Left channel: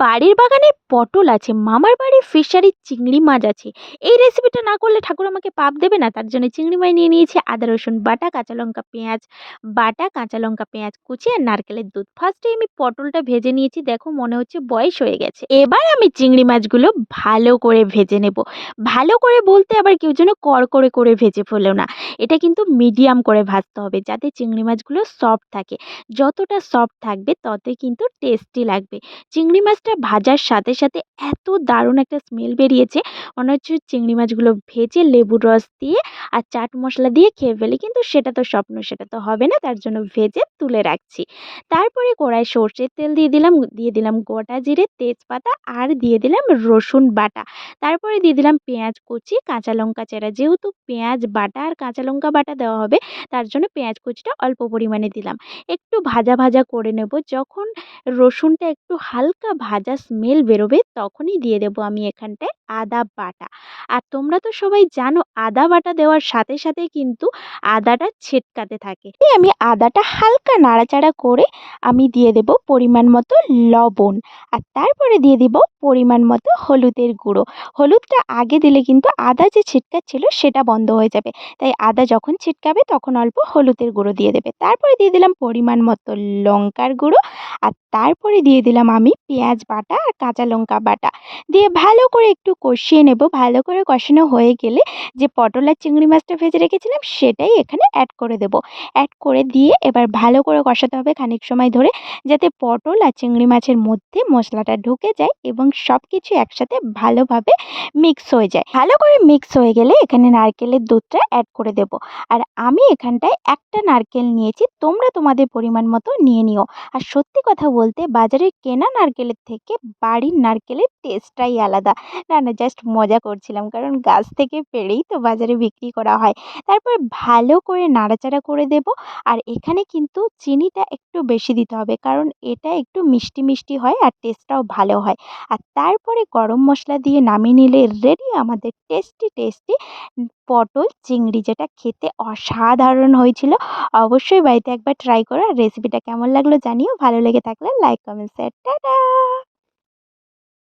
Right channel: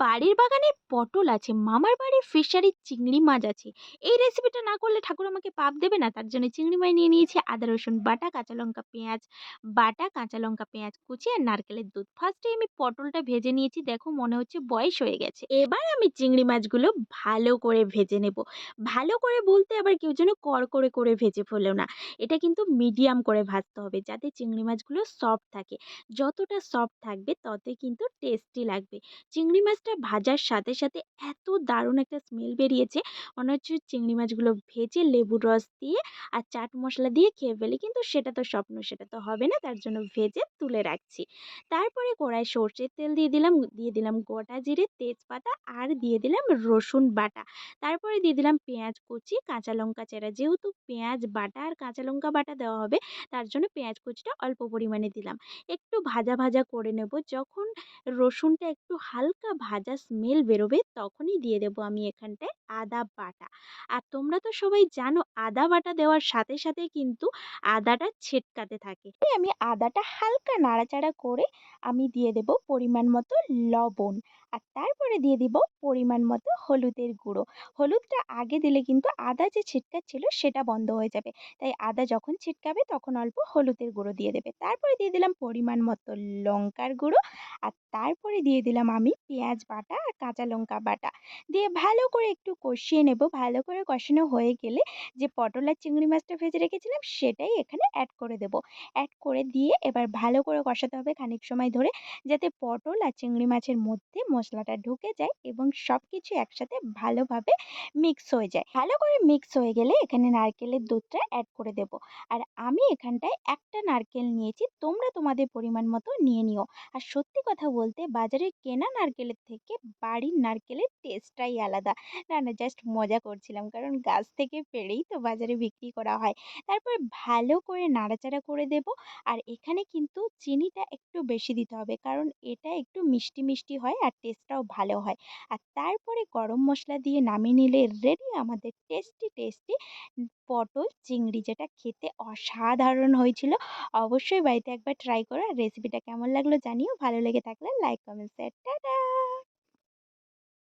বাড়ির বাগানে পটল আছে, মামার বাড়ির ফিশারির চিংড়ি মাছ আছে। এই রেসিপিটা না করলে ঠাকুর আমাকে পাপ দেবে না? তার জন্য চিংড়ি মাছ নিয়ে নিয়েছি, আদা রসুন বাটা, কাঁচা লঙ্কা পেঁয়াজ বাটা, কাঁচা লঙ্কা পেঁয়াজ কুচি আর নারকেলের দুধ। ফার্স্টে আমি পটলটা ভেজে নিয়েছি, দেখো মনে হচ্ছে বয়স হয়ে গেছে। এবার আমি চিংড়ি মাছগুলো ভালো করে ভেজে নেব। ভালো করে বলতে আবার কেউ যেন কড়কড়ে করে ভেজে ফেলো না। এটা কিন্তু মিডিয়াম করে ভাজতে হবে যাতে চিংড়ি মাছগুলো সফট থাকে। যতটা সফট থাকবে ততই কিন্তু টেস্টি লাগবে। চিংড়ি মাছটা ভাজার সাথে সাথে এত দারুণ একটা স্মেল বেরিয়েছে, মনে হচ্ছে চিংড়ি মাছগুলো ভেজে লেবুর রস দিয়ে আর চাট মশলা দিয়ে খেয়ে ফেলি, কিন্তু সেটা তো স্বপ্ন, সেটা তো হবে না। তার জন্য ভেজে তুলে রাখছি। তারপরে কড়াই সর্ষের তেল দিয়ে দিলাম গোটা জিরে, তেজপাতা আর দিয়ে দিলাম রসুন বাটা। তারপরে দিয়ে দিলাম পেঁয়াজ কুচি, কাঁচা লঙ্কা চেরা। যেহেতু পেঁয়াজ বাটা আর কাঁচা লঙ্কা বাটা দেওয়া হবে, তার জন্য পেঁয়াজ কুচিটা অল্প পরিমাণে দিলাম। একটু ভাজা ভাজা করে নেব। যখন রসুনটা একটু হালকা ভাজা স্মেল বেরোবে তখনই দিয়ে দেবো আমি এখানটায় আদা বাটা। আর তোমরা তো সবাই জানো আদা বাটা দেওয়ার সাথে সাথে কিন্তু আদাটা ছেটকাতে থাকে। এই আমি আদাটা হালকা নাড়াচাড়া করে আমি দিয়ে দেব পরিমাণ মতো লবণ। আর তারপরে দিয়ে দিব পরিমাণ মতো হলুদের গুঁড়ো। হলুদটা আগে দিলে কিন্তু আদা যে ছিটকাচ্ছিল সেটা বন্ধ হয়ে যাবে। তাই আদা যখন ছিটকাবে তখন অল্প হলুদের গুঁড়ো দিয়ে দেবে। তারপরে দিয়ে দিলাম পরিমাণ মতো লঙ্কার গুঁড়ো। আর তারপরে দিয়ে দিলাম আমি পেঁয়াজ বাটা আর কাঁচা লঙ্কা বাটা। দিয়ে ভালো করে একটু কষিয়ে নেব। ভালো করে কষানো হয়ে গেলে যে পটল আর চিংড়ি মাছটা ভেজে রেখেছিলাম সেটাই এখানে অ্যাড করে দেব। অ্যাড করে দিয়ে এবার ভালো করে কষাতে হবে খানিক সময় ধরে, যাতে পটল আর চিংড়ি মাছের মধ্যে মশলাটা ঢুকে যায় এবং সব কিছু একসাথে ভালোভাবে মিক্স হয়ে যায়। ভালো করে মিক্স হয়ে গেলে এখানে নারকেলের দুধটা অ্যাড করে দেব। আর আমি এখানটায় একটা নারকেল নিয়েছি, তোমরা তোমাদের পরিমাণ মতো নিয়ে নিও। আর সত্যি কথা বলতে বাজারের কেনা নারকেলের থেকে বাড়ির নারকেলের টেস্টটাই আলাদা। না, না, জাস্ট মজা করছিলাম, কারণ গাছ থেকে পেড়েই তো বাজারে বিক্রি করা হয়। তারপর ভালো করে নাড়াচাড়া করে দেব। আর এখানে কিন্তু চিনিটা একটু বেশি দিতে হবে, কারণ এটা একটু মিষ্টি মিষ্টি হয় আর টেস্টটাও ভালো হয়। আর তারপরে গরম মশলা দিয়ে নামিয়ে নিলে রেডি আমাদের টেস্টি টেস্টি পটল চিংড়ি, যেটা খেতে অসাধারণ হয়েছিল। অবশ্যই বাড়িতে একবার ট্রাই করো। আর রেসিপিটা কেমন লাগলো জানিও। ভালো লেগে থাকলে লাইক, কমেন্ট, শেয়ার। টাটা।